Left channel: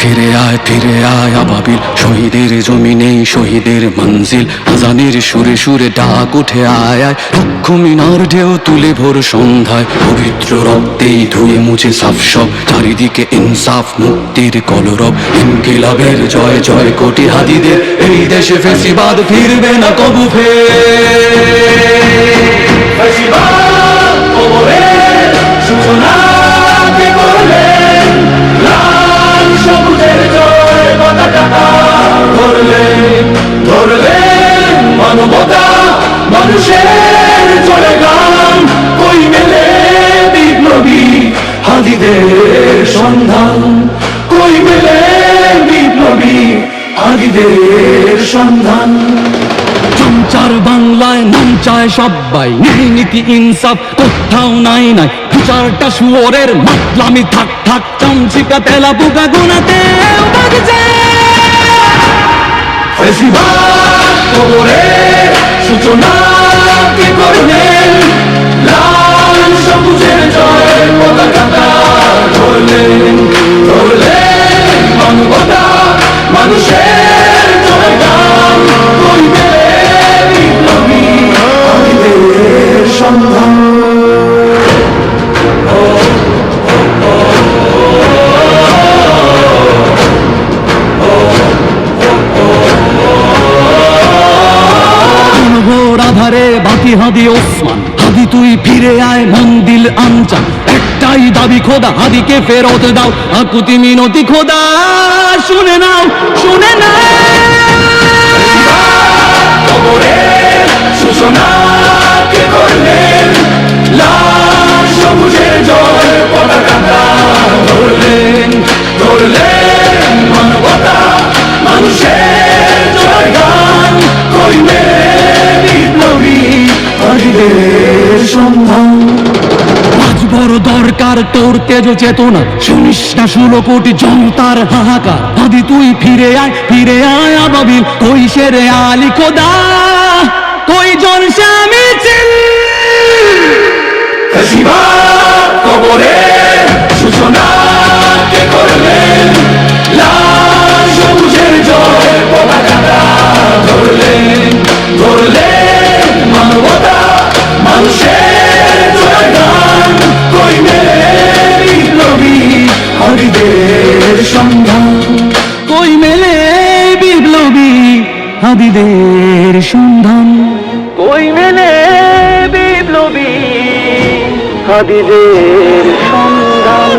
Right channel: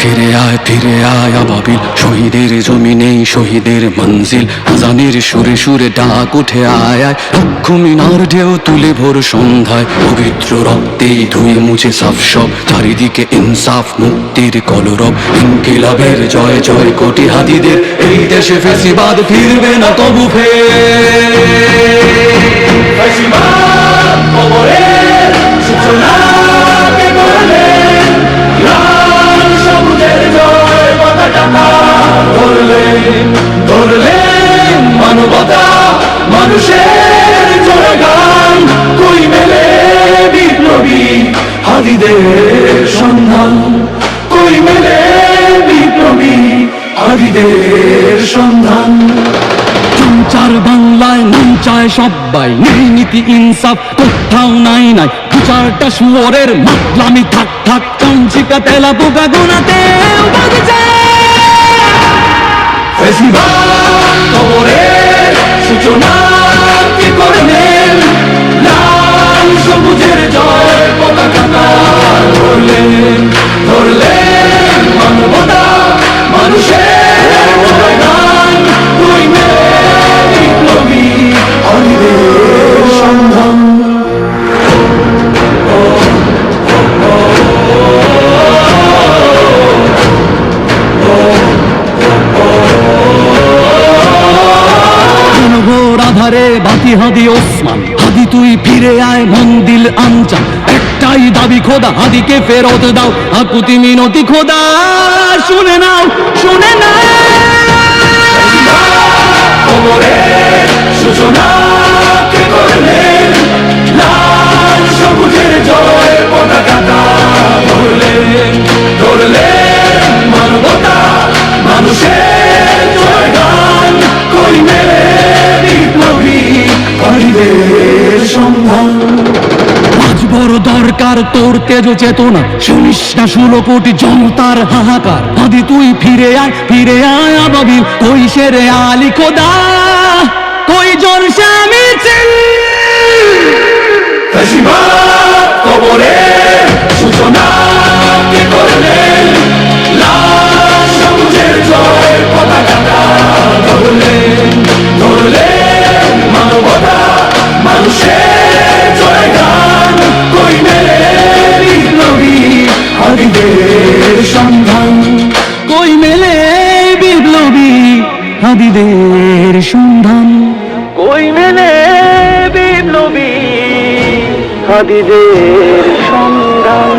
ফিরে আয় আবাবিল, শহীদের জমিনেই শহীদের মঞ্জিল। আজানের সুরে সুরে ডাক উঠে আয় আয়, লক্ষ মিনার ঢেউ তুলে ভোর সন্ধ্যায়। পবিত্র রক্তেই ধুয়ে মুছে সাফ সব, চারিদিকে ইনসাফ মুক্তির কলরব। ইনকিলাবের জয় জয় কোটি হাদিদের, এই দেশে ফেসিবাদ ফিরবে না কবু ফের। ফেসিবাদ কবরের সূচনা কে করলেন? লাল সবুজের জয় পতাকা ধরলেন মানবতা মানুষের জয়গান। কই মেলে বিপ্লবী হাদিদের সন্ধান? কই মেলে বিপ্লবী হাদিদের সন্ধান? চার বাংলায় নাম চায় সবাই, নেই নীতি ইনসাফ কোথাও নাই নাই। দু চারটা শুয়োরের মাতলামি থাক থাক, চামচিকা তেলা পোকা গোনাতে বাজছে। ফেসিবাদ কবরের সূচনা কে করলেন? লাল সবুজের জয় পতাকা ধরলেন মানবতা মানুষের জয়গান। কই মেলে বিপ্লবী হাদিদের সন্ধান? ঘোর আধারে বাতি হাদি ওসমান, হাদি তুই ফিরে আয় মন দিল আনচান। একটাই দাবি খোদা, হাদিকে ফেরত দাও, আকুতি মিনতি খোদা শুনে নাও, শুনে নাও। কবরের সূচনা কে করলেন? লাল সবুজের জয় পতাকা ধরলেন মানবতা মানুষের জয়গান। কই মেলে বিপ্লবী হাদিদের সন্ধান? আজ বড় দরকার তোর তেজ চেতনা, শুনিস না 16 কোটি জনতার হাহাকার। হাদি তুই ফিরে আয় আবাবিল, কই শেরে আলী খোদা, কই জলসা মিছিল। ফেসিবাদ কবরের সূচনা কে করলেন? লাল সবুজের জয় পতাকা ধরলেন মানবতা মানুষের জয়গান। কই মেলে বিপ্লবী হাদিদের সন্ধান? কই মেলে বিপ্লবী হাদিদের সন্ধান? কই মেলে বিপ্লবী হাদিদের সন্ধান?